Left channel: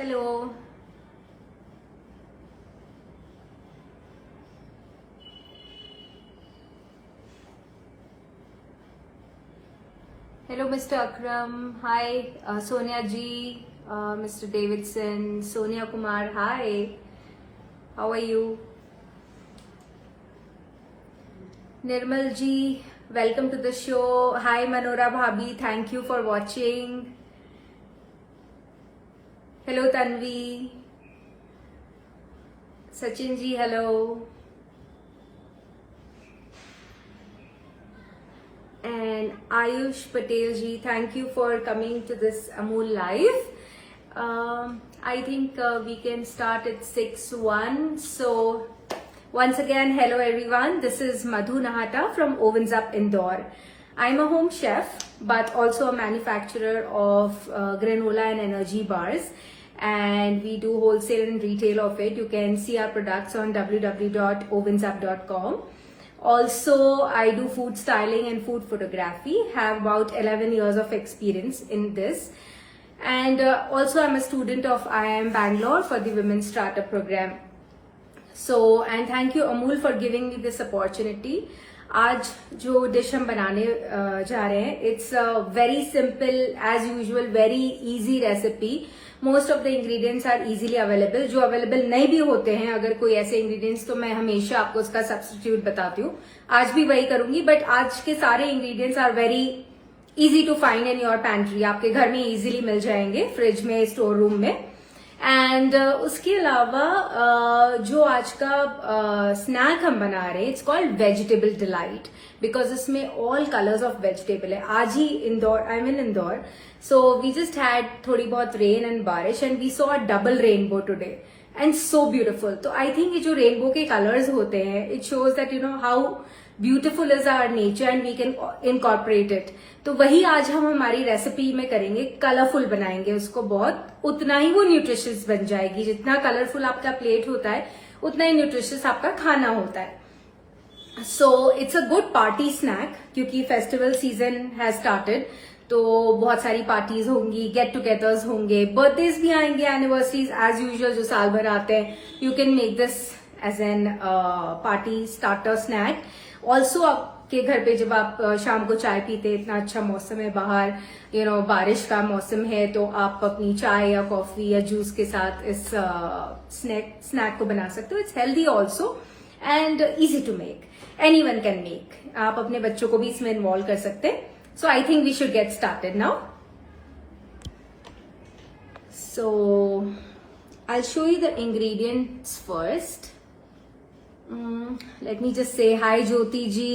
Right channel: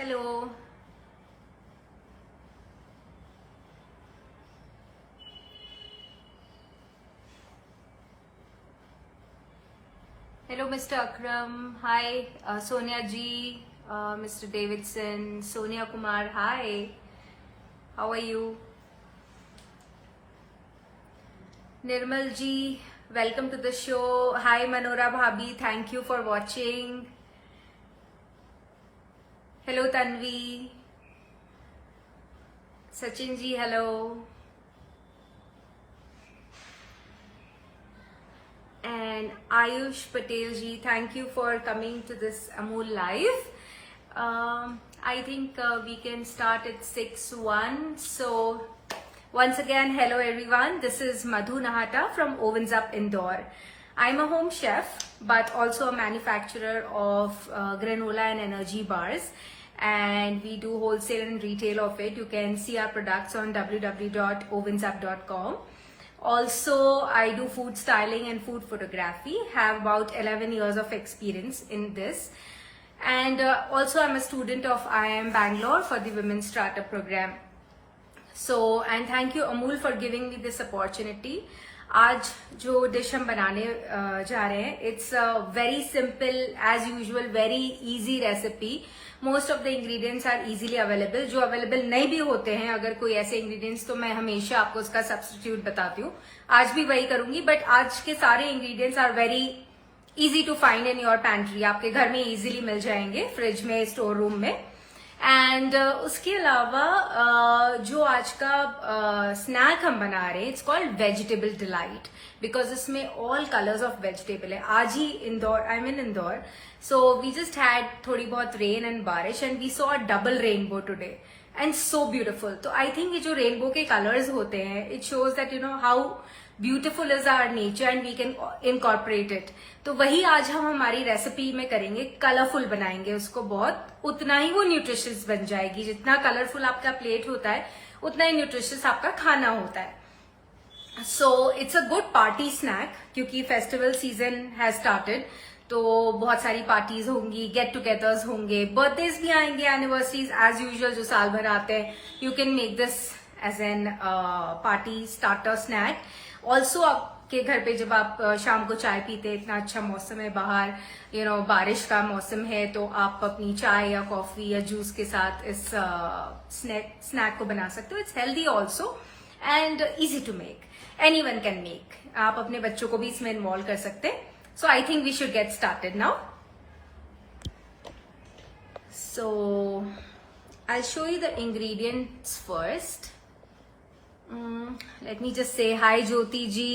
Hello. Hello, Mr. Akram. Hi, Sonia G, Mr. Davidson, Sonia Kumar. Hi. How are you? Nirmal Ji, welcome to the show. Hi, Manora Bhabhi. Thank you for watching. Hello, Tanvi. Sachin Ji, hello. And Ayush Patel Ji, thank you for coming to this Amul live. I think we can start at 6:01. So once again, hello everyone. This is Madhu Nahata from Ovens Up Indore. I'm a home chef, but also a manufacturer of granola and energy bars. And we do wholesale and retail of it. You can see our products on www.ovensup.com. Also, I do food styling and food photography, have about 11 years of experience in this. And also I'm a student of IIM Bangalore for the Women's Startup Program. So, and thank you Amul for giving me this opportunity. आज जो dish हम बनाने जा रहे हैं, it's a very simple, as usual, very easy recipe. Most of the ingredients are easily available. जो available नहीं भी होते हैं अगर कोई ऐसे इंग्रेडिएंट्स, तो मैं हमेशा आपको उसका सब्स्टिट्यूट बताती हूँ. आज भी वही करूंगी, बट आज के सारे ingredients are very easy to find in your pantry. आपके घर में इजीली मिल जाएंगे, फ्रिज में, स्टोर रूम में. एंड उसके अलावा जो आज का स्नैक हम बना रहे हैं, it's called vegetable delight, because इसमें ऑल कलर्स ऑफ वेजिटेबल है. आज ही Indore, I mean Indore, so we just had थोड़ी बहुत rain and बारिश, and we saw a double rainbow today and so beautiful. तो I think ये जो rainbow के colors होते हैं, it shows that you know how beautiful is our nature and we can incorporate it. तो वही आज हम हमारी रेसिपी में करेंगे, कलरफुल बनाएंगे उसको बहुत, उतना ही वो न्यूट्रिशियस बन जाएगी. जितना कलरफुल आपका प्लेट होता है उतना ही न्यूट्रिशियस आपका खाना होता है. So it's a good party snack, क्योंकि फेस्टिवल सीजन हैज स्टार्टेड. तो बहुत सारी पार्टीज होंगी, गेट टुगेदर्स होंगे, बर्थडेज भी आएंगे, एनिवर्सरीज एज यूजुअल जो साल भर आते हैं. You can make this as an party starter snack. Also आपके घर पे जब आप शाम को चाय पीते, इतना अच्छा मौसम है बाहर, यू नो बारिश का मौसम है, तो आप अपनी चाय या कॉफी या जूस के साथ इस स्नैक को बना सकते हो. It's healthy also and easy to make. Anyone can make. आप अपने बच्चों को भी इसमें इन्वॉल्व कर सकते हैं. So I think we should get started now. So I'll show you the ingredients first. Let me just say hi Jyoti ji,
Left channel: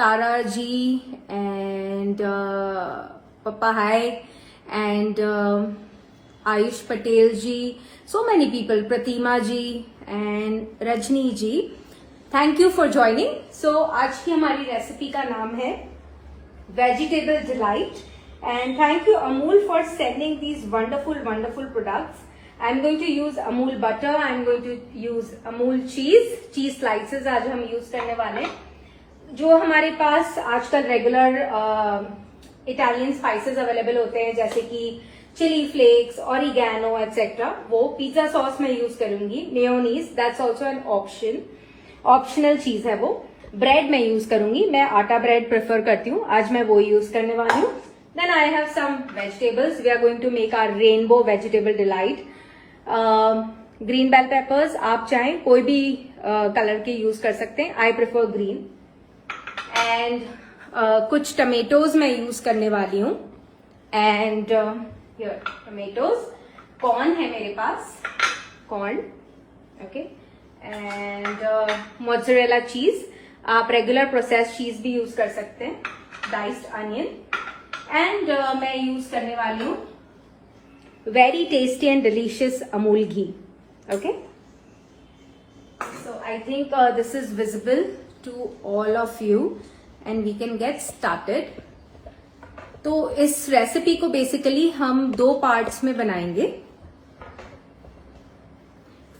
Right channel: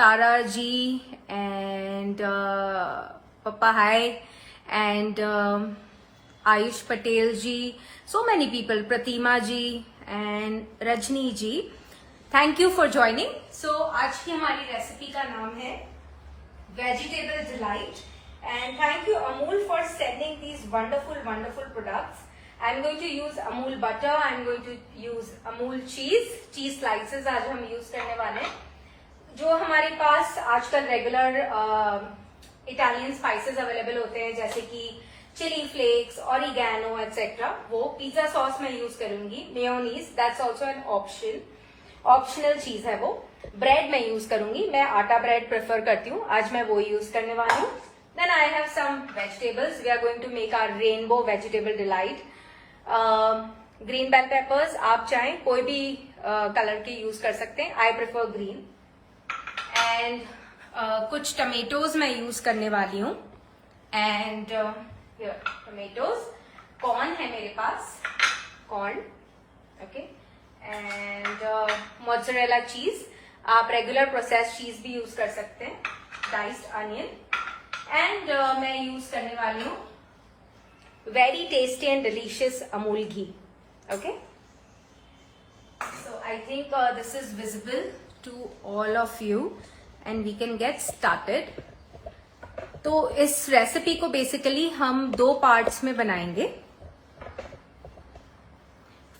Tara ji, and Papa hi, and Ayush Patel ji. So many people, Pratima ji and Rajni ji. Thank you for joining. So आज की हमारी recipe का नाम है Vegetable Delight, and thank you Amul for sending these wonderful products. I'm going to use Amul butter, I'm going to use Amul cheese slices आज हम use करने वाले हैं. जो हमारे पास आजकल रेगुलर इटालियन स्पाइसेस अवेलेबल होते हैं, जैसे कि चिली फ्लेक्स, ऑरिगैनो एक्सेट्रा, वो पिज्जा सॉस में यूज करूंगी. Mayonnaise, that's also an optional चीज है वो. ब्रेड में यूज करूंगी, मैं आटा ब्रेड प्रेफर करती हूँ, आज मैं वो यूज करने वाली हूँ. Then I have some vegetables. We are going to make our rainbow vegetable delight. Green bell peppers, आप चाहें कोई भी कलर के यूज कर सकते हैं. I prefer green. एंड कुछ टमेटोज मैं यूज करने वाली हूँ. And tomatoes. कॉर्न है मेरे पास, कॉर्न, ओके. एंड मोज़रेला चीज, आप रेगुलर प्रोसेस चीज भी यूज कर सकते हैं. Diced onion. एंड मैं यूज करने वाली हूँ very tasty and delicious Amul ghee. Okay, so I think this is visible to all of you and we can get started. तो इस रेसिपी को बेसिकली हम दो पार्ट्स में बनाएंगे.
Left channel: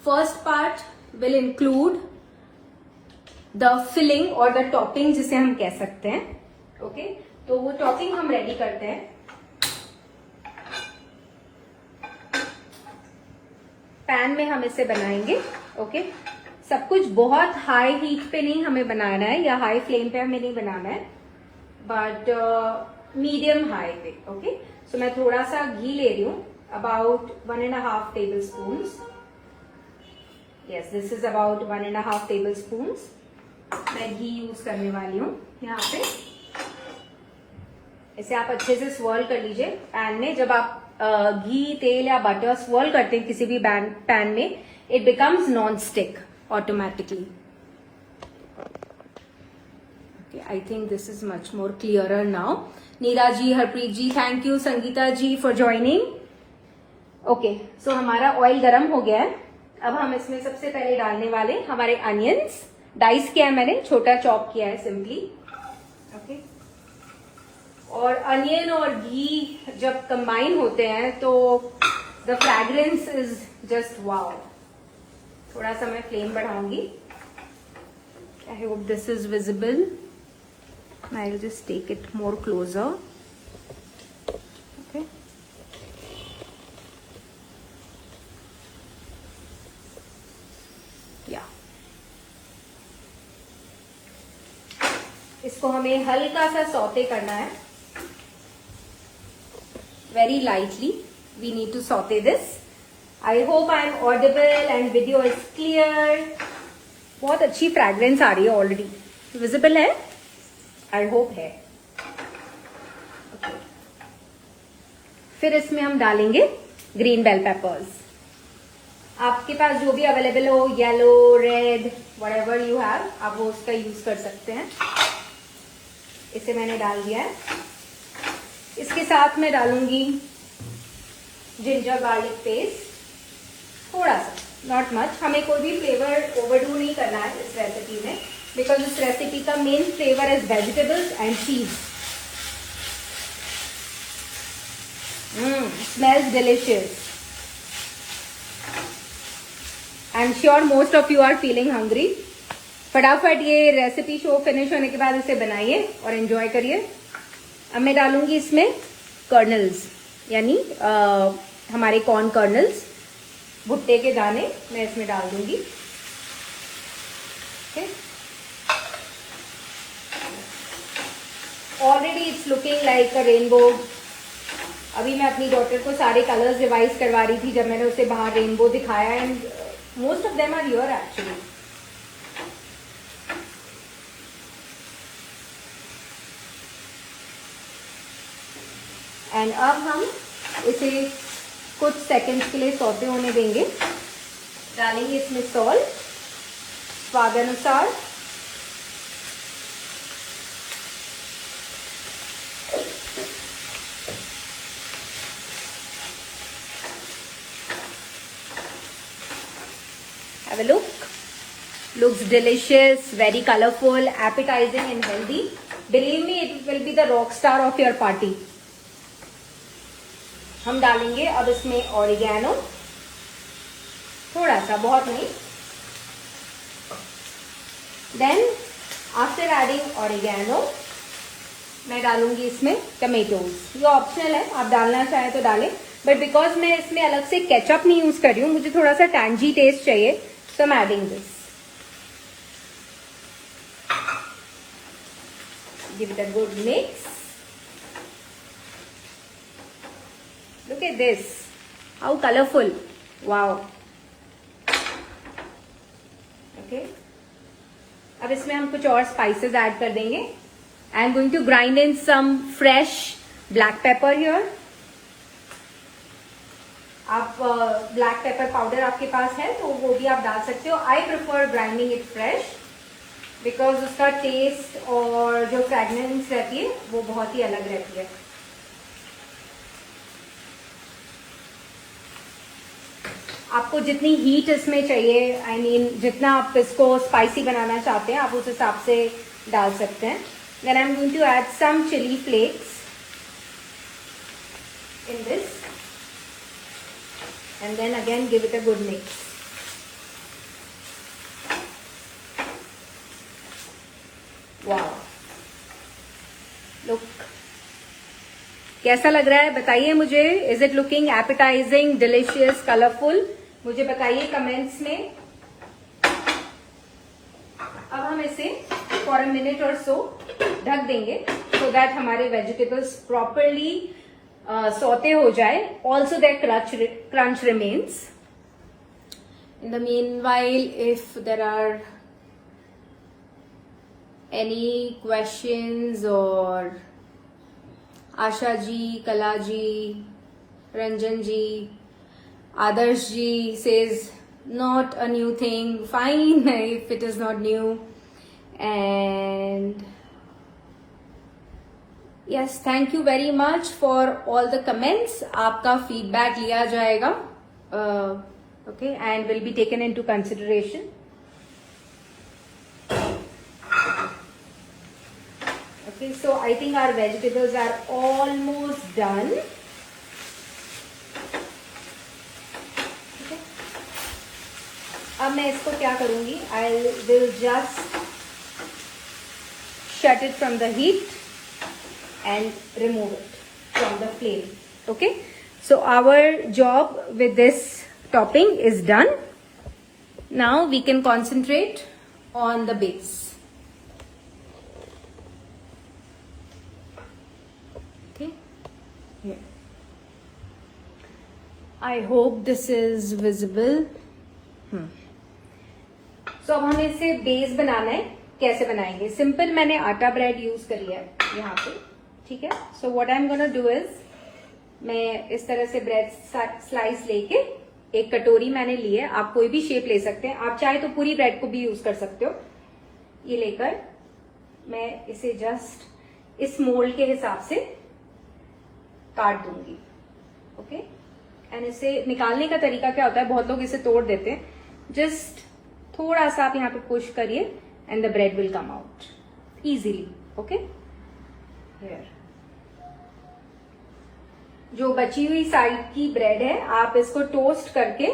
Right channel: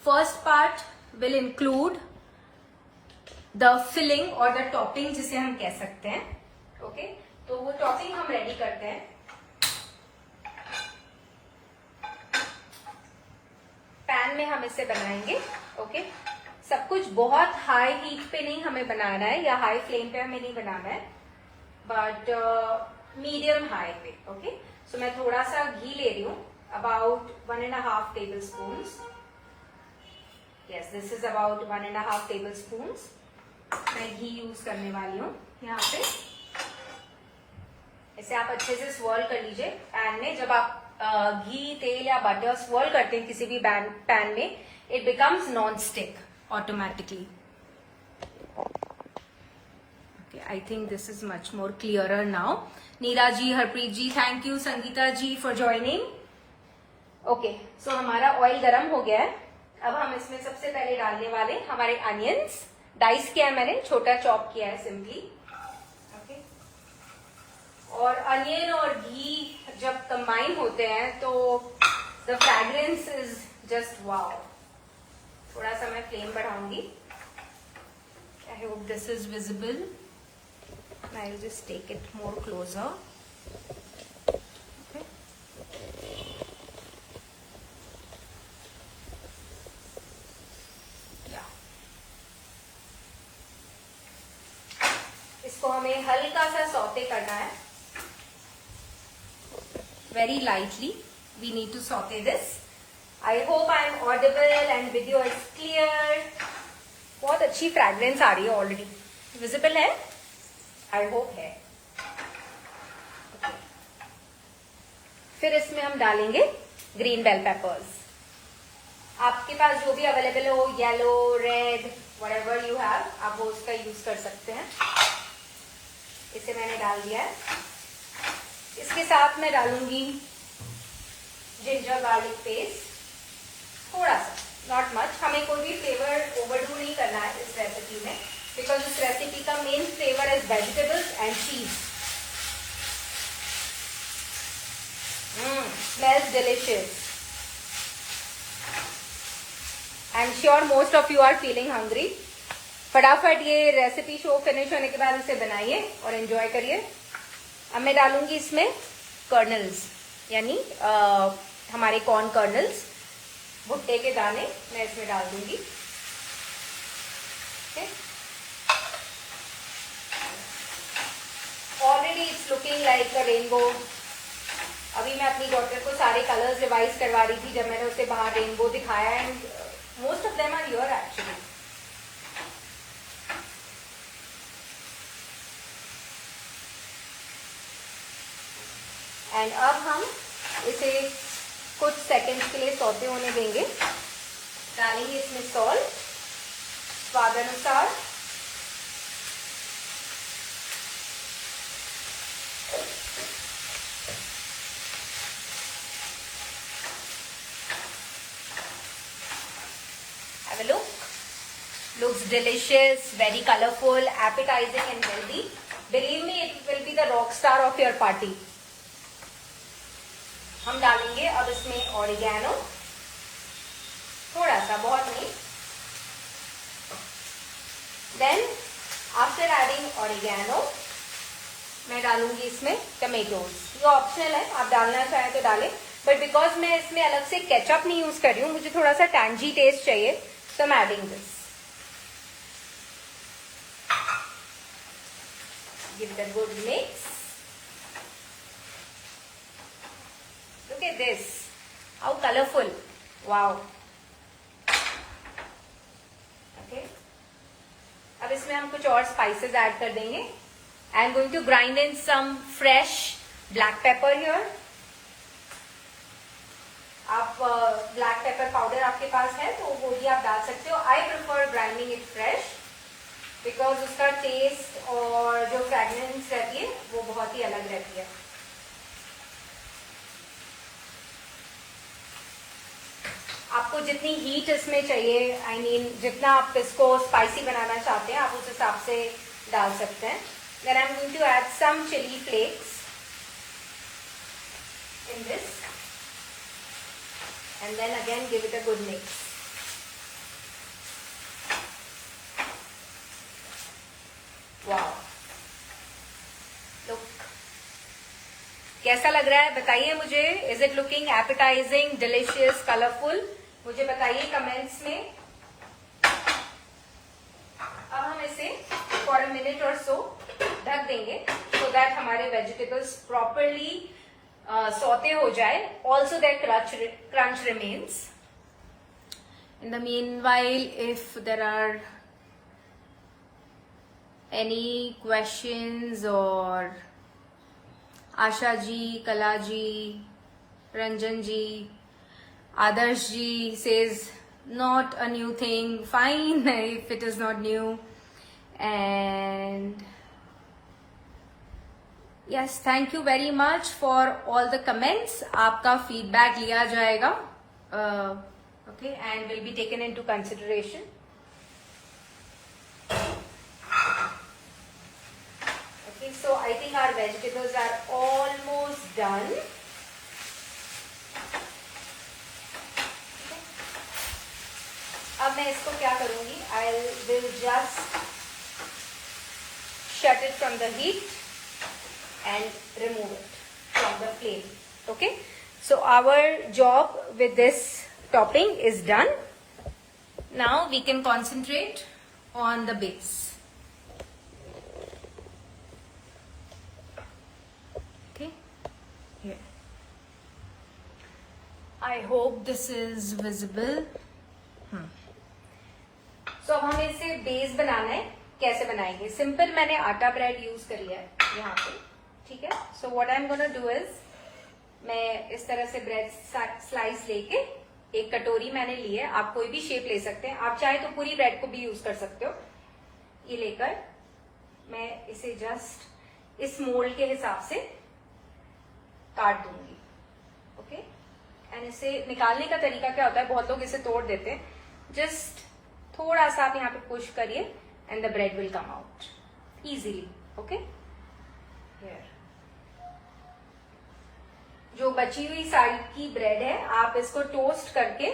First part will include the filling or the topping, जिसे हम कह सकते हैं. ओके, तो वो टॉपिंग हम रेडी करते हैं. पैन में हम इसे बनाएंगे। ओके, सब कुछ बहुत हाई हीट पे नहीं हमें बनाना है या हाई फ्लेम पे हमें नहीं बनाना है, बट मीडियम हाई पे। ओके, सो मैं थोड़ा सा घी ले रही हूँ, about 1.5 tablespoons। Yes, this is about 1.5 tablespoons। मैं घी यूज करने वाली हूँ यहाँ पे। इसे आप अच्छे से swirl कर लीजिए। पैन में जब आप घी, तेल या बटर swirl करते हैं किसी भी पैन में, it becomes non stick automatically. I think this is much more clearer now. Neera ji, Harpreet ji, thank you, Sangeeta ji for joining. Okay, so हमारा ऑयल गरम हो गया है। अब हम इसमें सबसे पहले डालने वाले हमारे अनियंस। डाइस किया है मैंने, छोटा चॉप किया है सिंपली। ओके, और अनियन और घी जब कंबाइन होते हैं तो the fragrance is just wow. थोड़ा सा मैं फ्लेम बढ़ाऊंगी। I hope this is visible. I will just take it more closer. Okay. Yeah. इसको हमें हल्का सा सौते करना है, very lightly. We need to saute this. I hope I am audible and video is clear. बहुत अच्छी fragrance आ रही है ऑलरेडी, विजिबल है, आई होप है। फिर इसमें हम डालेंगे ग्रीन बेल पेपर्स। आपके पास जो भी अवेलेबल हो, yellow, red, whatever you have, आप वो उसका यूज कर सकते हैं। इसे मैंने डाल दिया है। इसके साथ मैं डालूंगी जिंजर गार्लिक पेस्ट, थोड़ा सा, नॉट मच। हमें कोई भी फ्लेवर ओवरडू नहीं करना है इस रेसिपी में, बिकॉज इस रेसिपी का main flavour is vegetables and cheese. Smells delicious. I am sure most of you are feeling hungry. फटाफट ये रेसिपी शो फिनिश होने के बाद इसे बनाइए और एंजॉय करिए। अब मैं डालूंगी इसमें कर्नल्स, यानी हमारे कॉर्न कर्नल्स, भुट्टे के दाने मैं इसमें डाल दूंगी। Already it's looking like a rainbow. अभी मैं अपनी डॉटर को सारे कलर्स रिवाइज करवा रही थी जब मैंने उसे बाहर रेनबो दिखाया, and most of them are here actually. And अब हम इसे कुछ सेकंड्स के लिए सौते होने देंगे। डालेंगे इसमें सॉल्ट स्वाद अनुसार, have a look. Looks delicious, very colorful, appetizing and healthy. Believe me, it will be the rock star of your party. हम डालेंगे अब इसमें ऑरिगेनो, थोड़ा सा, बहुत नहीं। देन आफ्टर एडिंग ऑरिगेनो मैं डालूंगी इसमें टमेटोज। ये ऑप्शनल है, आप डालना चाहे तो डालें, बट बिकॉज मैं इसमें अलग से केचप नहीं यूज कर रही हूँ, मुझे थोड़ा सा टैंजी टेस्ट चाहिए, तो मैं adding this. Give it a good mix. Look at this, how colorful, wow. Okay, अब इसमें हम कुछ और स्पाइसेस ऐड कर देंगे। I am going to grind in some fresh black pepper here. आप ब्लैक पेपर पाउडर आपके पास है तो वो भी आप डाल सकते हो। I prefer grinding it fresh because उसका टेस्ट और जो फ्रेगनेंस रहती है वो बहुत ही अलग रहती है। आपको जितनी हीट इसमें चाहिए, आई मीन जितना आप इसको स्पाइसी बनाना चाहते हैं, आप उस हिसाब से डाल सकते हैं। Then I am going to add some chilli flakes in this and then again give it a good mix. Wow, look, कैसा लग रहा है बताइए मुझे। Is it looking appetising, delicious, colourful? मुझे बताइए कमेंट्स में। अब हम इसे फॉर अ मिनट और सो ढक देंगे सो दैट हमारे वेजिटेबल्स प्रॉपरली सौते हो जाए, also that crunch remains. In the meanwhile if there are any questions और आशा जी, कला जी, रंजन जी, आदर्श जी says not a new thing, fine if it is not new, and yes, thank you very much for all the comments. आपका feedback लिया जाएगा, okay, and will be taken into consideration. Okay, so I think our vegetables are almost done. अब मैं इसको क्या करूंगी, I will just shut it from the heat and remove it from the flame. Okay, so our job with this topping is done. Now we can concentrate on the base. Okay, here. I hope this is visible. तो अब हमें इसे base बनाना है। कैसे बनाएंगे? Simple मैंने आटा bread use करी है यहाँ पे, ठीक है। So what I am gonna do is, मैं इस तरह से ब्रेड स्लाइस लेके एक कटोरी मैंने ली है, आप कोई भी शेप ले सकते हैं, आप चाहे तो पूरी ब्रेड को भी यूज कर सकते हो। ये लेकर मैं इसे जस्ट इस मोल्ड के हिसाब से काट दूंगी। ओके, एंड इसे निकालने का तरीका क्या होता है, बहुत लोग इसे तोड़ देते हैं, जस्ट थोड़ा सा आप यहाँ पे पुश करिए and the bread will come out easily. Okay, जो बची हुई साइड की ब्रेड है आप इसको टोस्ट करके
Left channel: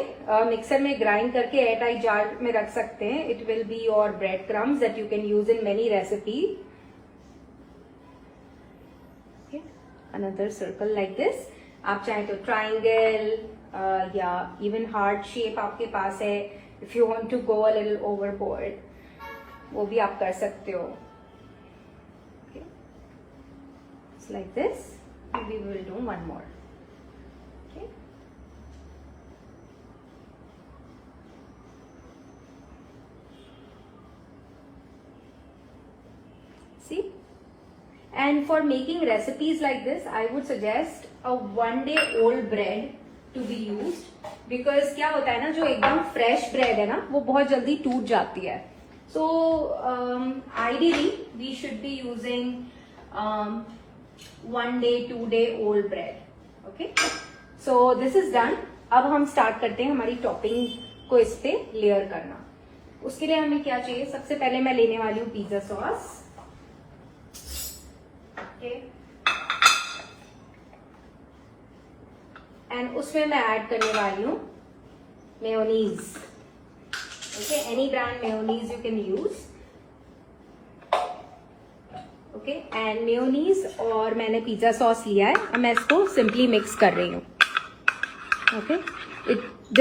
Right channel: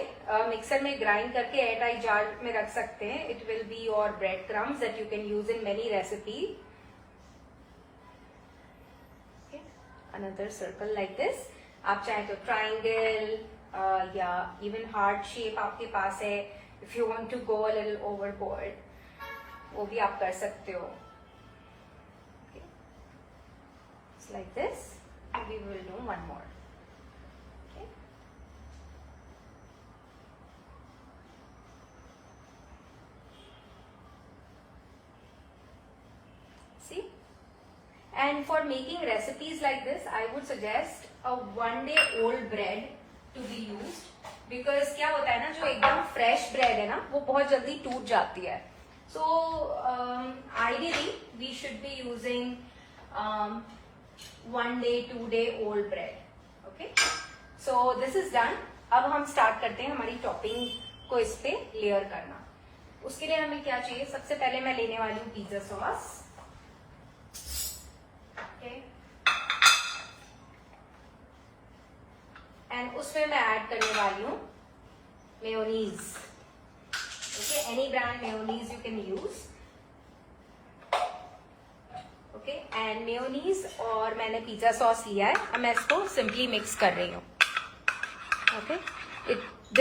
मिक्सर में ग्राइंड करके एयर टाइट जार में रख सकते हैं। It will be your bread crumbs that you can use in many recipe. Another circle like this, आप चाहे तो ट्राइंगल या इवन हार्ट शेप आपके पास है, if you want to go a little overboard वो भी आप कर सकते हो। Like this, we will do one more. See, and for making recipes like this I would suggest a 1 day old bread to be used, because क्या होता है ना, जो एकदम फ्रेश ब्रेड है ना वो बहुत जल्दी टूट जाती है। So ideally we should be using 1 day 2 day old bread। Okay, so this is done. अब हम स्टार्ट करते हैं हमारी टॉपिंग को इस पे लेयर करना। उसके लिए हमें क्या चाहिए, सबसे पहले मैं लेने वाली हूँ पिज्जा सॉस। एंड उसमें मैं ऐड करने वाली हूँ mayonnaise. Okay, any brand mayonnaise you can use. Okay, and mayonnaise और मैंने पिज्जा सॉस लिया है और मैं इसको सिंपली मिक्स कर रही हूँ। Okay,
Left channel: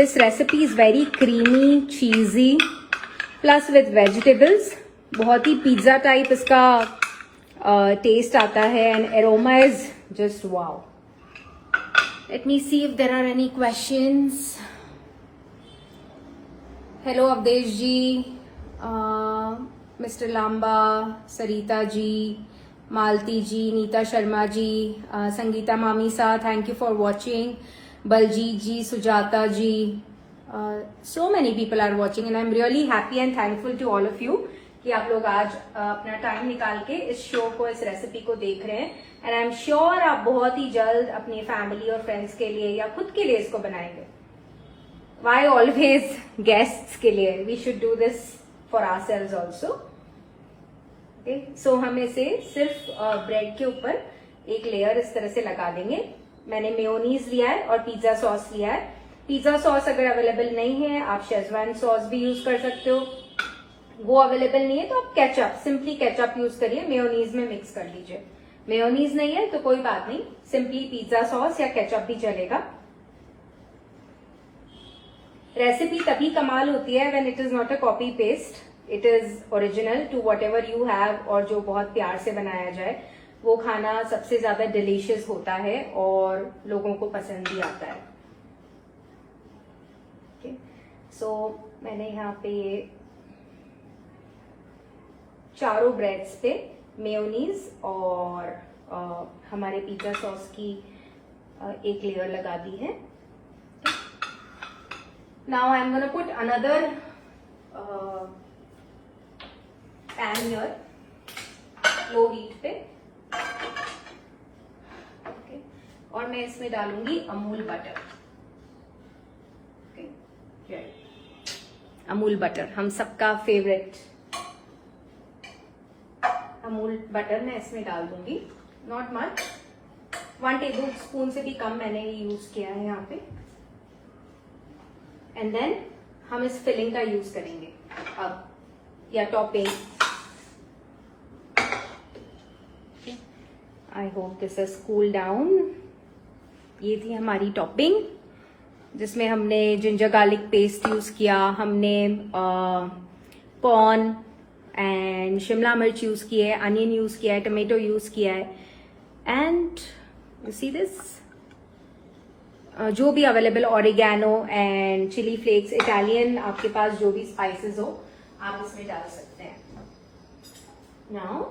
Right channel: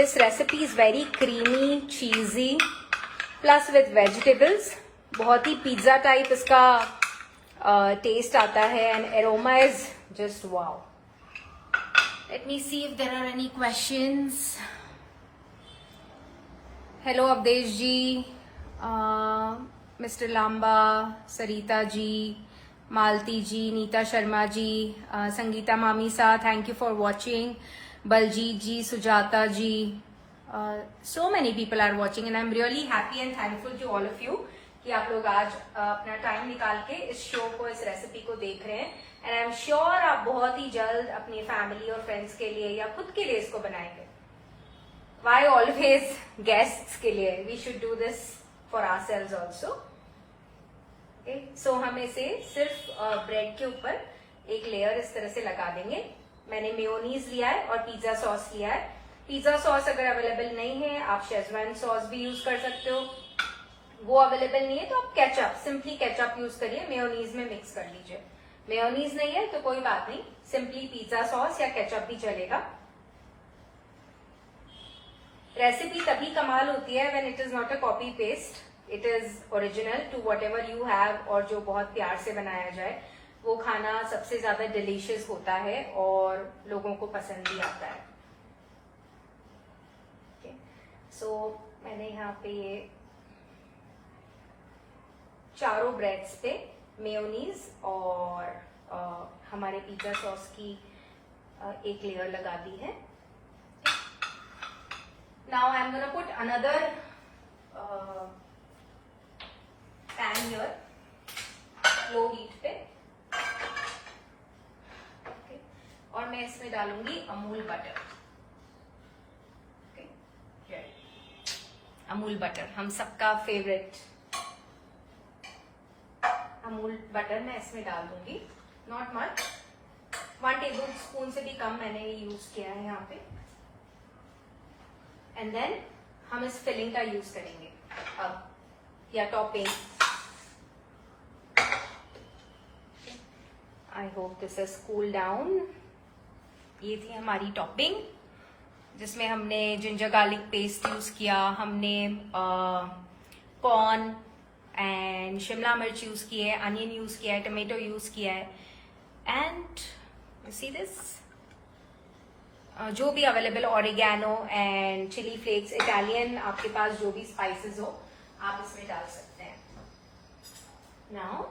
this recipe is very creamy, cheesy, plus with vegetables. बहुत ही पिज्जा टाइप इसका टेस्ट आता है and aroma is just wow. Let me see if there are any questions. Hello Avdesh ji, Mr. Lamba, Sarita ji, Malti ji, Neeta Sharma ji, Sangeeta Mami sa, thank you for watching. Baljeet ji, Sujata ji, so many people are watching and I'm really happy and thankful to all of you कि आप लोग आज अपना time निकाल के इस show को, इस रेसिपी को देख रहे हैं। एंड आई एम श्योर आप बहुत ही जल्द अपनी फैमिली और फ्रेंड्स के लिए या खुद के लिए इसको बनाएंगे। वाई ऑलवेज गेस्ट्स के लिए, we should do this for ourselves also. Okay, so हम इसे सिर्फ ब्रेड के ऊपर एक लेयर इस तरह से लगा देंगे। मैंने मेयोनीज लिया है और पिज्जा सॉस लिया है। पिज्जा सॉस अगर अवेलेबल नहीं है आप शेजवान सॉस भी यूज कर सकते हो, वो अवेलेबल नहीं है तो आप केचप, सिंपली केचप यूज करिए, मेयोनीज में मिक्स कर लीजिए। मेयोनीज नहीं है तो कोई बात नहीं, सिंपली पिज्जा सॉस या केचप भी चलेगा। रेसिपी तभी कमाल होती है when it is not a copy paste, it is original to whatever you have, और जो बहुत प्यार से बनाया जाए वो खाना सबसे ज्यादा डिलीशियस होता है और लोगों को पसंद भी आता है। ओके, सो मैंने यहाँ पे ये चारों ब्रेड्स पे मेयोनीज और हमारे पिज्जा सॉस की एक लेयर लगा दी है। Now I am gonna put another pan here, low heat पे, और मैं इसमें डालूंगी अमूल बटर। अमूल बटर हम सबका फेवरेट अमूल बटर मैं इसमें डाल दूंगी, नॉट मच, 1 टेबल स्पून से भी कम मैंने यूज किया है यहाँ पे। एंड देन हम इस फिलिंग का यूज करेंगे अब, या topping. I hope this is cool down. ये थी हमारी टॉपिंग जिसमें हमने जिंजर गार्लिक पेस्ट यूज किया, हमने कॉर्न एंड शिमला मिर्च यूज की है, अनियन यूज किया है, टमेटो यूज किया है, एंड यू सी दिस, जो भी available oregano and chilli flakes, Italian, आपके पास जो भी स्पाइसेस हो आप इसमें डाल सकते हैं। नाउ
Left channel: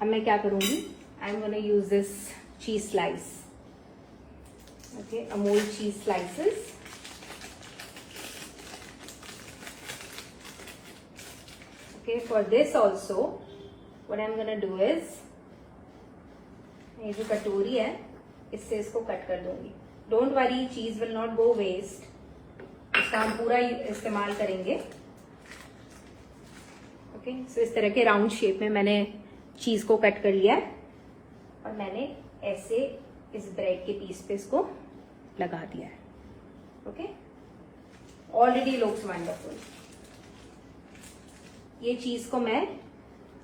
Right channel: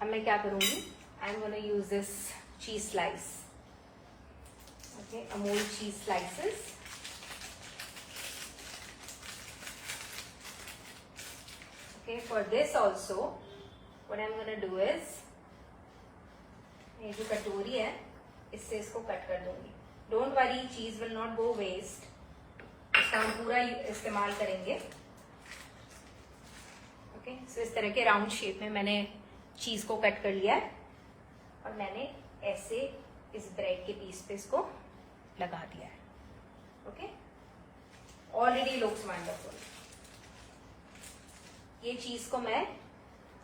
अब मैं क्या करूंगी, I am gonna use this cheese slice, okay, Amul cheese slices. Okay, for this also, what I'm gonna do is, ये जो कटोरी है इससे इसको कट कर दूंगी। डोंट वरी, चीज विल नॉट गो वेस्ट, इसका हम पूरा इस्तेमाल करेंगे। ओके, सो इस तरह के राउंड शेप में मैंने चीज को कट कर लिया है और मैंने ऐसे इस ब्रेड के पीस पे इसको लगा दिया है। Okay, already looks wonderful. ये चीज को मैं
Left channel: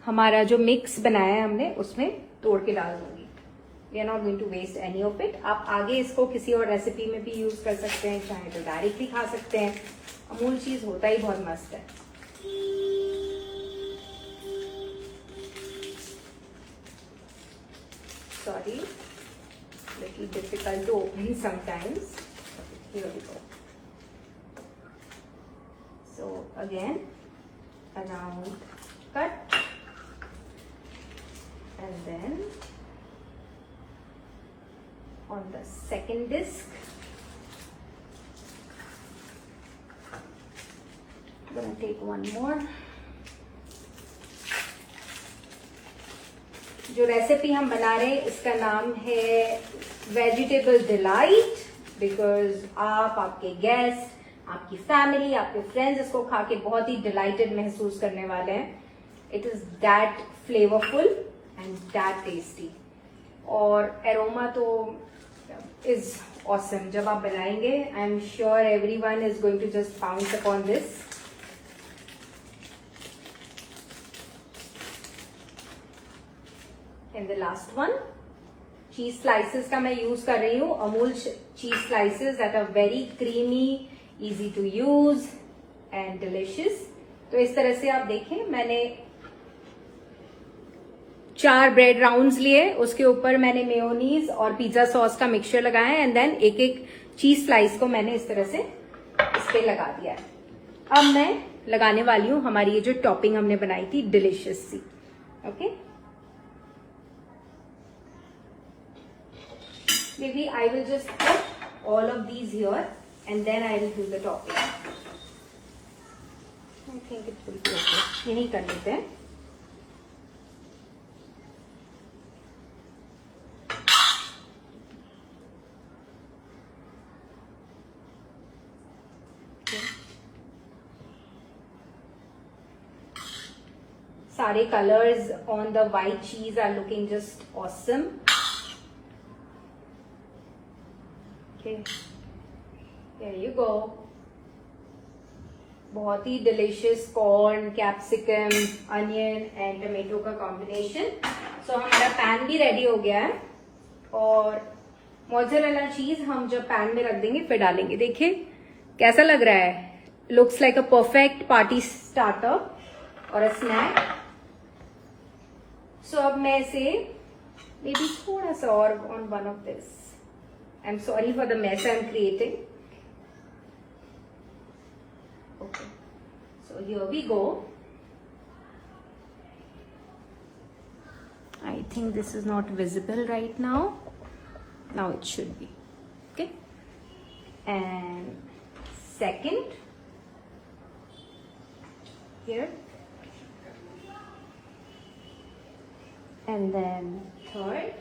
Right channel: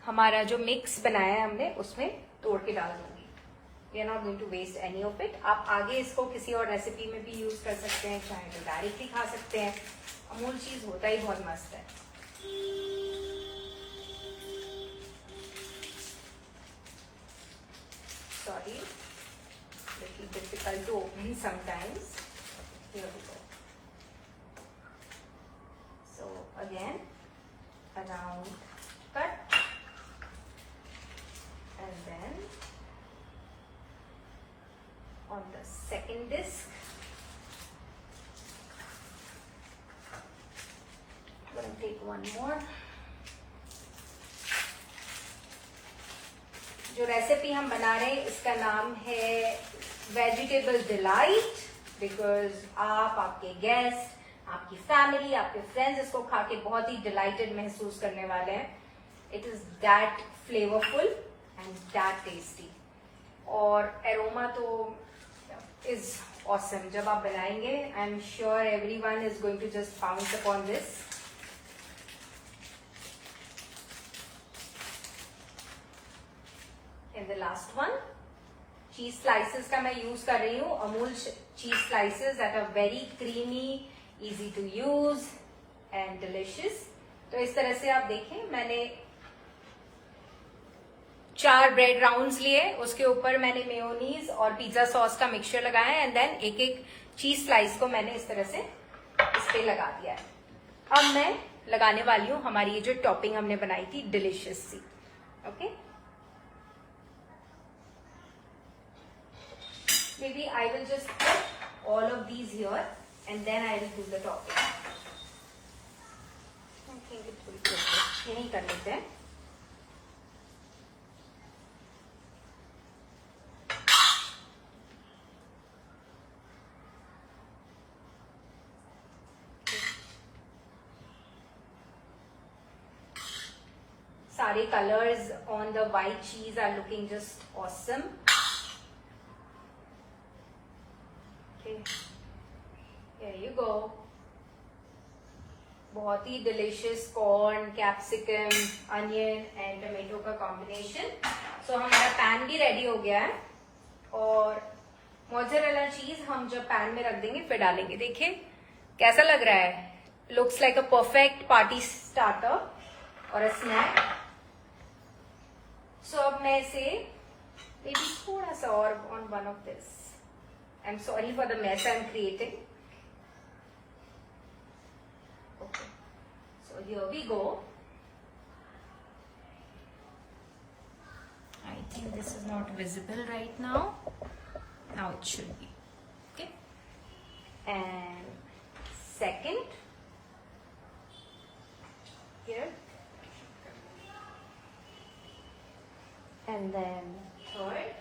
हमारा जो मिक्स बनाया है हमने उसमें तोड़ के डाल दूंगी। We are not going to waste any of it. आप आगे इसको किसी और रेसिपी में भी यूज कर सकते हैं, चाहे तो डायरेक्ट भी खा सकते हैं। अमूल चीज होता ही बहुत मस्त है। Sorry, little difficult to open sometimes. So again around cut, and then on the second disc I'm going to take one more। जो रेसिपी हम बना रहे हैं इसका नाम है वेजिटेबल डिलाइट, बिकॉज आप, आपके गेस्ट, आपकी फैमिली, आपके फ्रेंड्स इसको खा के बहुत ही डिलाइटेड महसूस करने वाले हैं। It is that flavourful and that tasty, और एरोमा तो इज ऑसम। जब आप बनाएंगे, I am sure everyone is going to just pounce upon this. And the last one, cheese slices का मैं यूज कर रही हूँ, Amul cheese slices that are very creamy, easy to use and delicious। तो इस तरह से आप देखें, मैंने 4 ब्रेड राउंड्स लिए, उसके ऊपर मैंने मेयोनीज और पिज्जा सॉस का मिक्सचर लगाया है, एंड देन एक एक चीज स्लाइस को मैंने इस तरह से इस पे लगा दिया है। अब मैं लगाने वाली हूँ हमारी ये जो टॉपिंग हमने बनाई थी डिलीशियस सी। Okay, maybe I will just put all of these here and then I will do the topping। Okay, ये नहीं कर देते हैं। सारे colors on the white cheese are looking just awesome। Okay, there you go। बहुत ही delicious corn, capsicum, onion and tomato का combination. So हमारा पैन भी रेडी हो गया है, और मोज़रेला चीज हम जब पैन में रख देंगे फिर डालेंगे। देखिए कैसा लग रहा है? Looks like a perfect party starter or a snack. So अब मैं इसे maybe थोड़ा सा और on one of this. I'm sorry for the mess I'm creating. Okay. So here we go. I think this is not visible right now. Now it should be. Okay. And second. Here, and then third,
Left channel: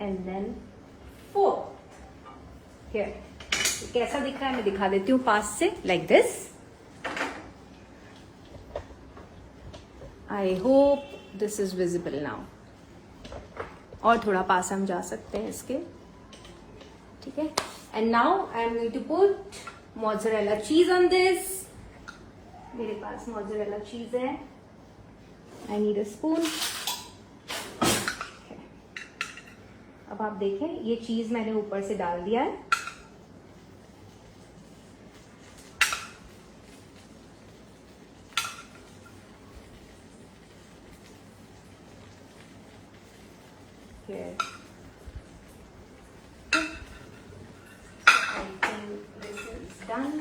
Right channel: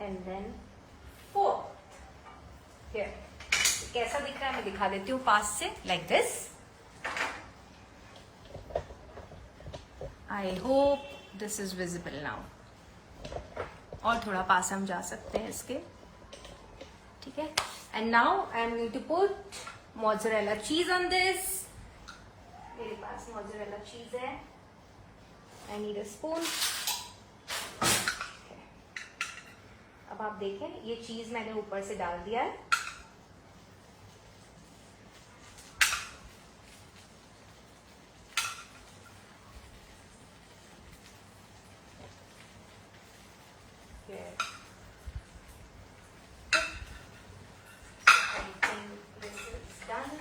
and then fourth. Here. कैसा दिख रहा है मैं दिखा देती हूँ पास से, like this. I hope this is visible now. और थोड़ा पास हम जा सकते हैं इसके, ठीक है. And now I am going to put mozzarella cheese on this. मेरे पास mozzarella cheese है. I need a spoon. अब आप देखें ये चीज मैंने ऊपर से डाल दिया है. Here. Done.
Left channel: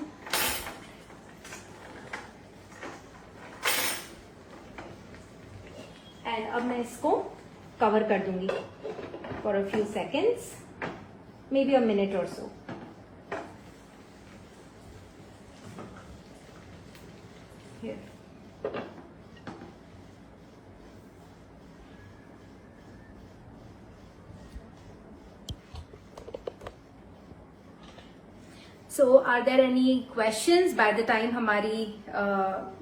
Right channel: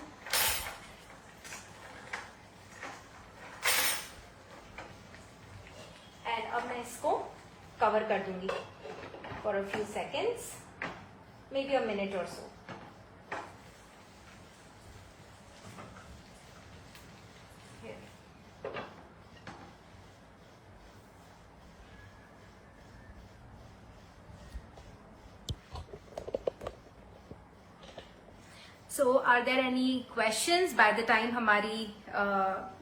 And अब मैं इसको कवर कर दूंगी for a few seconds, maybe a minute or so. Here. So are there any questions by the time हमारी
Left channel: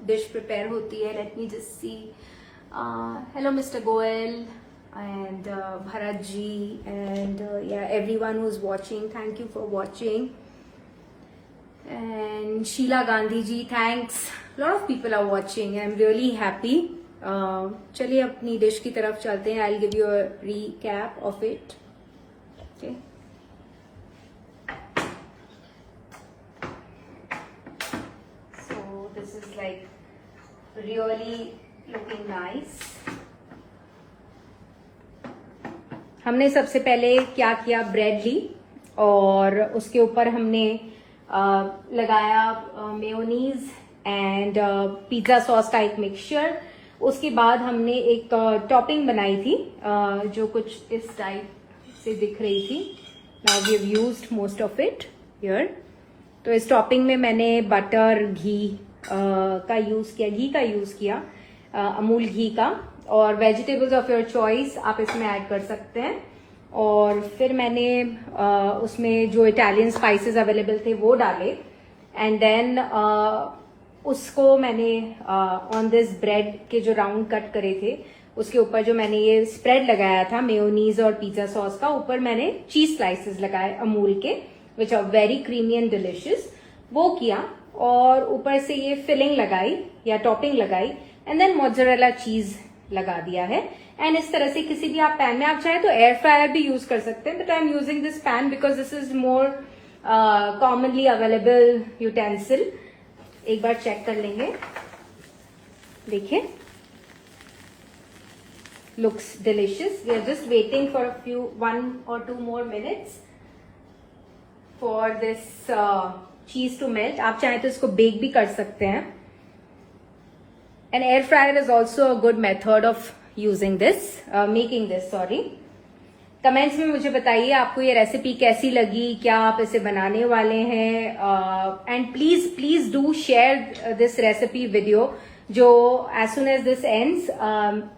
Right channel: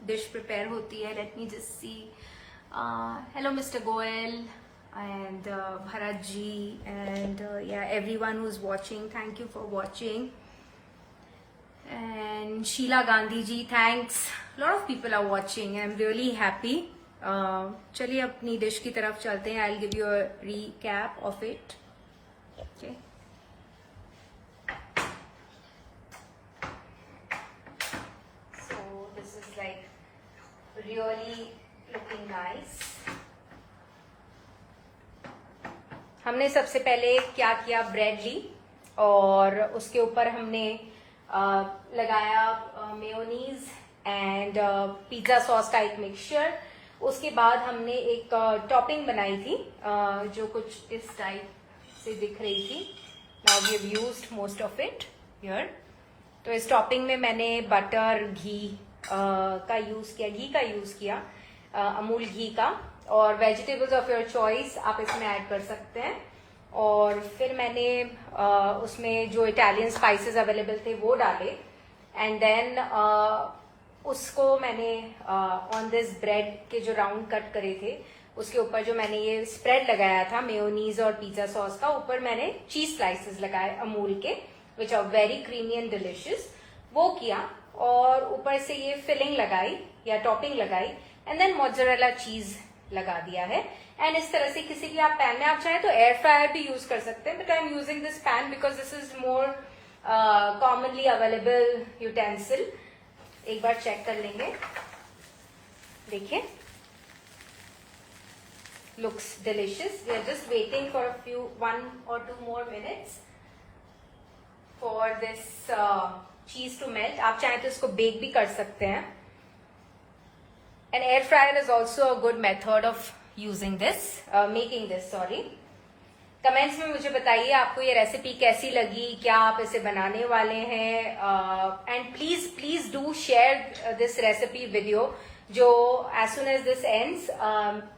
dish prepare होती है? Let me just see. Hello Mr. Goel and Bharat ji and yeah, everyone who's watching, thank you for watching. And Sheila Gandhi ji, thanks. A lot of people are watching. I'm really happy. चलिए अपनी dish की तरफ चलते हैं. I'll give you a recap of it. Okay. Really looking nice. हमने सबसे पहले क्या किया, ब्रेड ली और उसके ऊपर हमने लगाया mayonnaise and pizza sauce type mixture. उसके बाद हमने एक टॉपिंग बनाई थी जो कुछ इस टाइप से दिख रही थी. Now we have used most of it here. तो इस टॉपिंग में मैंने बटर, घी का यूज किया, घी का यूज किया, अमूल घी का, और वेजिटेबल्स ऑफ योर चॉइस आप इसमें ऐड कर सकते हैं. और फिर मैंने उसमें जो इटालियन स्पाइसेस अवेलेबल थे वो डाले एंड देन उसको मैंने ऑन दिस ब्रेड के जो राउंड कट करे थे उसके ऊपर जो मैंने ये स्प्रेड लगाया था मेयोनीज और पिज्जा सॉस का, ऊपर मैंने चीज स्लाइसेस लगाए अमूल के which are very creamy and delicious. वो किया और ऊपर से ये फिलिंग लगाई या टॉपिंग लगाई एंड देन मोज़रेला चीज लगा दिया है. एंड इस तरह से किसी भी आप पैन में, आप चाहे तो एयर फ्रायर भी यूज कर सकते हैं, but I am using this pan because this is more commonly available utensil. एक बार चेक कर लेंगे. देखिए, looks delicious. We are just waiting for a few 1 or 2 more minutes for this cheese to melt. आप चाहे तो इसको बेक भी कर सकते हैं. And air fryer is also a good method of using this, making this. Sorry. Comments में मुझे बताइए आपको ये रेसिपी कैसी लगी, क्या आप इसे बनाने वाले हैं. And please please do share this recipe video जो as soon as this ends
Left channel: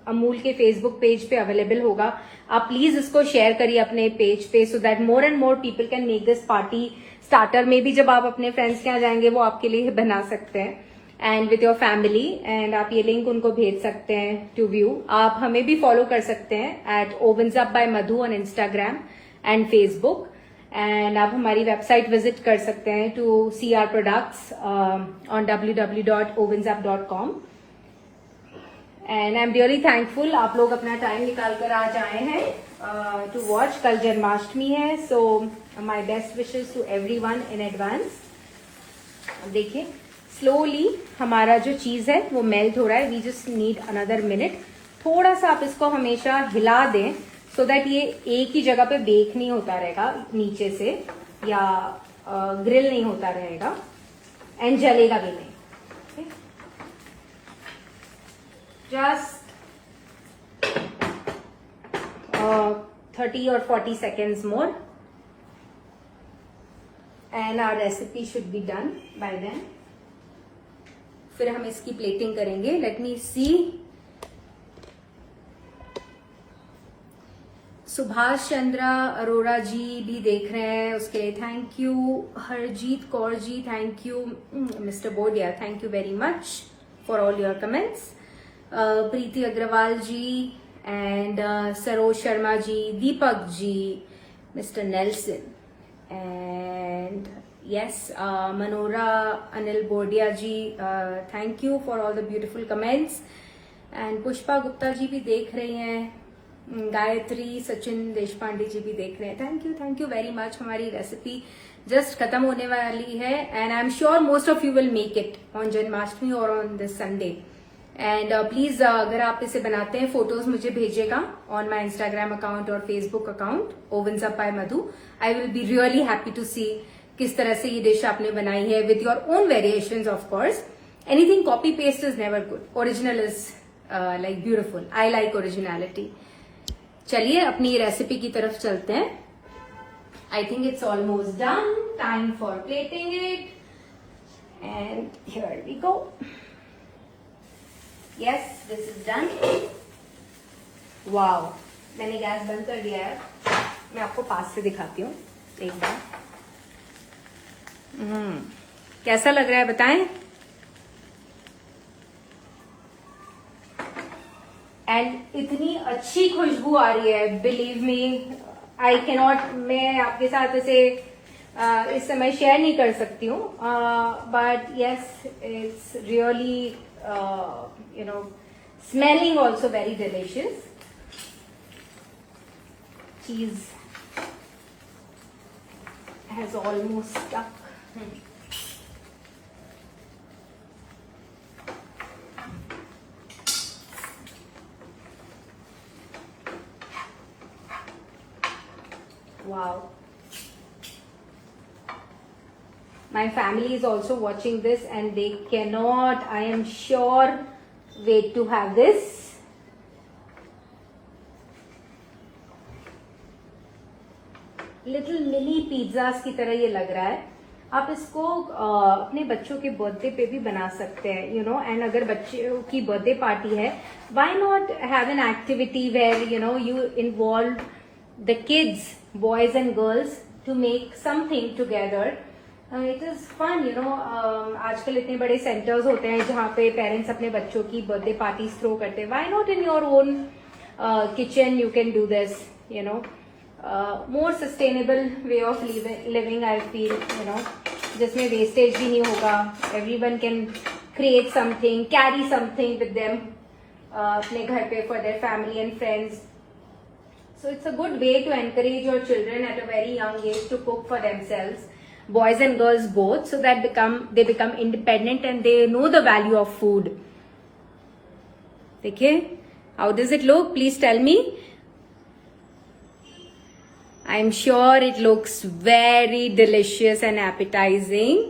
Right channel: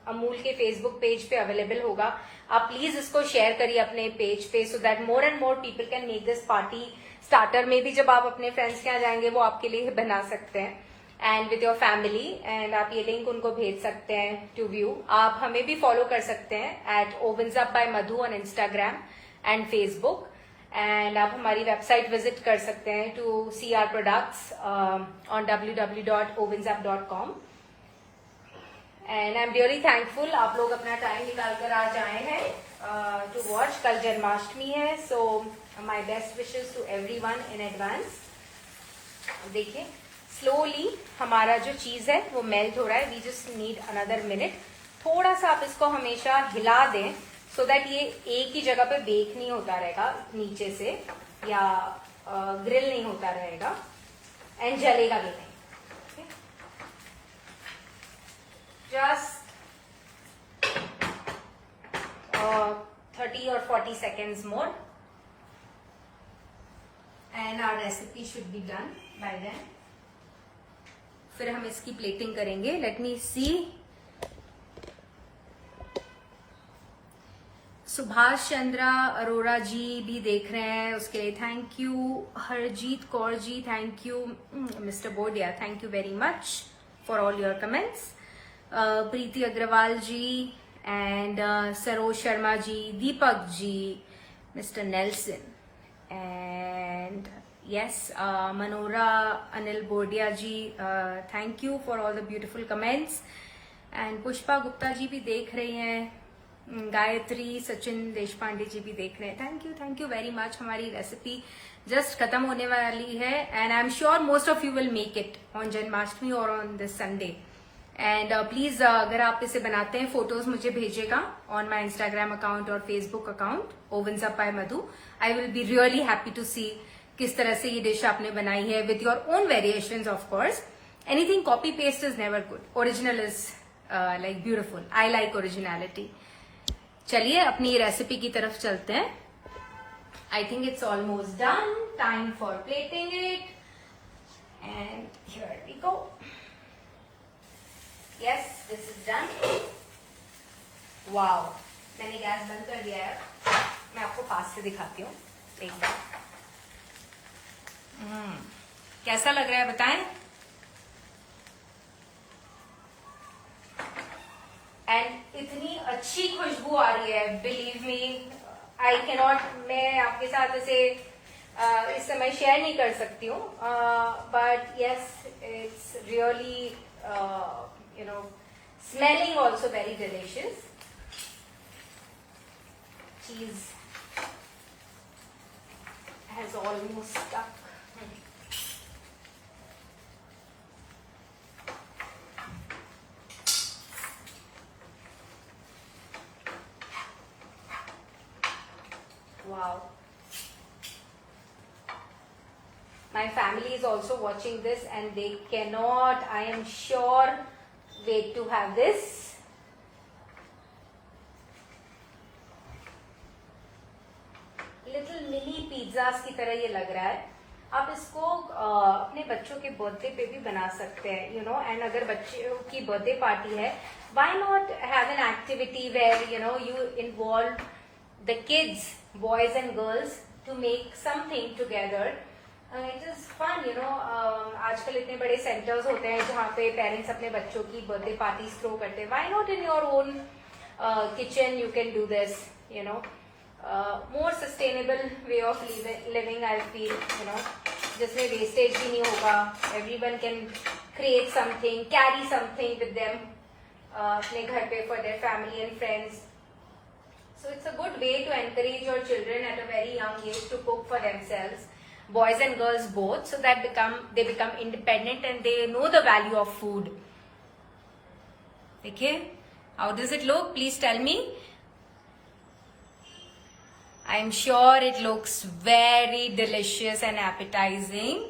Amul के फेसबुक पेज पे अवेलेबल होगा. आप प्लीज इसको शेयर करिए अपने पेज पे so that more and more people can make this party starter. में भी जब आप अपने फ्रेंड्स के यहाँ जाएंगे वो आपके लिए बना सकते हैं and with your family. And आप ये लिंक उनको भेज सकते हैं टू व्यू. आप हमें भी फॉलो कर सकते हैं at ovens up by Madhu on Instagram and Facebook. And आप हमारी वेबसाइट विजिट कर सकते हैं to see our products on www.ovensup.com. And I am really thankful आप लोग अपना टाइम निकाल कर आज आए हैं टू वॉच. कल जन्माष्टमी है, so my best wishes to everyone in advance. देखिए स्लोली हमारा जो चीज है वो मेल्ट हो रहा है. We just need another minute. थोड़ा सा आप इसको हमेशा हिला दें सो दैट ये एक ही जगह पे बेक नहीं होता रहेगा नीचे से, या ग्रिल नहीं होता रहेगा एंड जलेगा भी नहीं. Just 30 or 40 seconds more and our recipe should be done by then. फिर हम इसकी प्लेटिंग करेंगे. Let me see. Subhash Chandra Arora ji भी देख रहे हैं, उसके लिए thank you. Harjeet Kaur ji thank you. Mister Bodia thank you very much for all your comments. Preeti Agarwal ji and Saroj Sharma ji, Deepak ji, mister Nelson and yes, Manora Anil Bodia ji, thank you for all the beautiful comments. And Pushpa Gupta जी भी देख रहे हैं. गायत्री सचिन देशपांडे जी भी देख रहे हैं. Thank you very much. हमारी recipe just खत्म होने वाली है and I am sure most of you will make it on Janmashtami और on this Sunday. And please अगर आप इसे बनाते हैं फोटोज मुझे भेजिएगा ऑन माई इंस्टाग्राम अकाउंट और Facebook account ovens up by Madhu. I will be really happy to see किस तरह से ये डिश आपने बनाई है with your own variations. Of course anything copy paste is never good. Original is like beautiful. I like originality. चलिए अपनी recipe की तरफ चलते हैं. I think it's almost done. Time for plating it and here we go. Yes, this is done. Wow, मैंने gas बंद कर दिया है. मैं आपको पास से दिखाती हूँ एक बार. कैसा लग रहा है बताएं. एंड इतनी अच्छी खुशबू आ रही है, बिलीव मी. आई कैनॉट, मैं आपके साथ इसे इस समय शेयर नहीं कर सकती हूँ, but yes it's really you know smelling also very delicious. Cheese has almost stuck. Wow. My family is also watching this and they cannot, I am sure, wait to have this. Little mini pizzas की तरह ये लग रहा है. आप इसको अपने बच्चों के बर्थडे पे भी बना सकते हैं, यू नो. एंड अगर बच्चों की बर्थडे पार्टी है, why not have an activity where you know you involve the kids, boys and girls, to make something together. It is fun, you know. आजकल इतने बड़े सेंटर्स होते हैं जहाँ पे पेरेंट्स अपने बच्चों की बर्थडे पार्टीज थ्रो करते हैं. Why not in your own kitchen you can do this, you know. More sustainable way of living I feel, you know, जिसमें वेस्टेज भी नहीं होगा. Everyone can create something, carry something with them अपने घर पे for their family and friends. So it's a good way to encourage your children at a very young age to cook for themselves, boys and girls both, so that they become independent and they know the value of food. Okay, how does it look? Please tell me. I'm sure it looks very delicious and appetizing.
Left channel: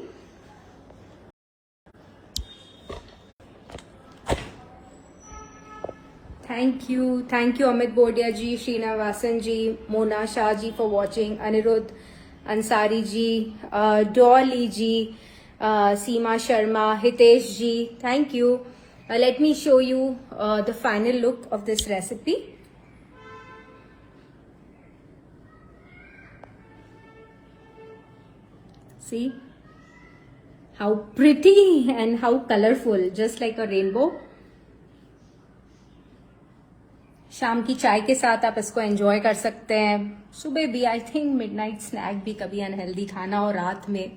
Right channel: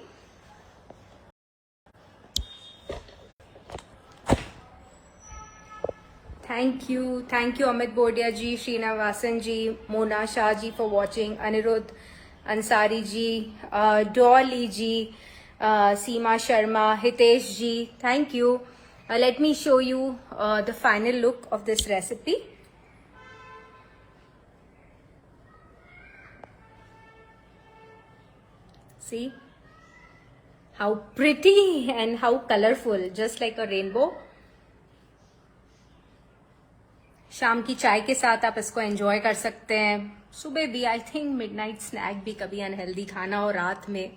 Thank you Amit Bodia ji, Srinivasan ji, Mona Shah ji for watching, Anirudh Ansari ji, Dolly ji, Seema Sharma, Hitesh ji, thank you. Let me show you the final look of this recipe. See how pretty and how colorful, just like a rainbow. शाम की चाय के साथ आप इसको enjoy कर सकते हैं. सुबह भी आई थिंक मिडनाइट स्नैक भी कभी अनहेल्दी खाना, और रात में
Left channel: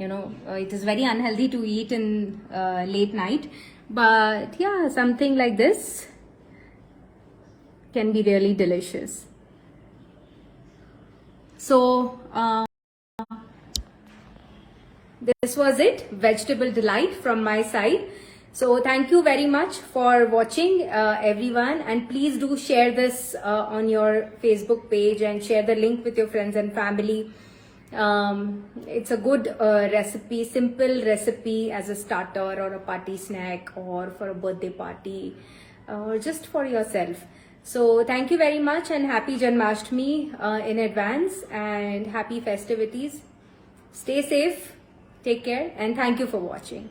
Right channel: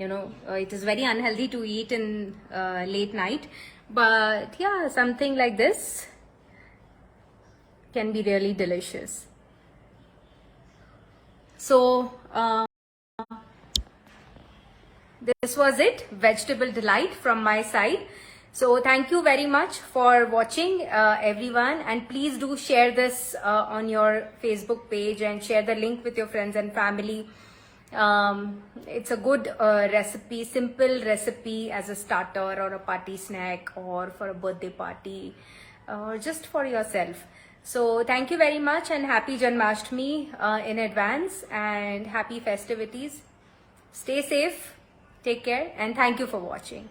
you know it is very unhealthy to eat in late night. But yeah, something like this can be really delicious. So this was it, vegetable delight from my side. So thank you very much for watching, everyone, and please do share this on your Facebook page and share the link with your friends and family. It's a good recipe, simple recipe as a starter or a party snack or for a birthday party, just for yourself. So thank you very much and happy Janmashtami in advance, and happy festivities. Stay safe, take care, and thank you for watching.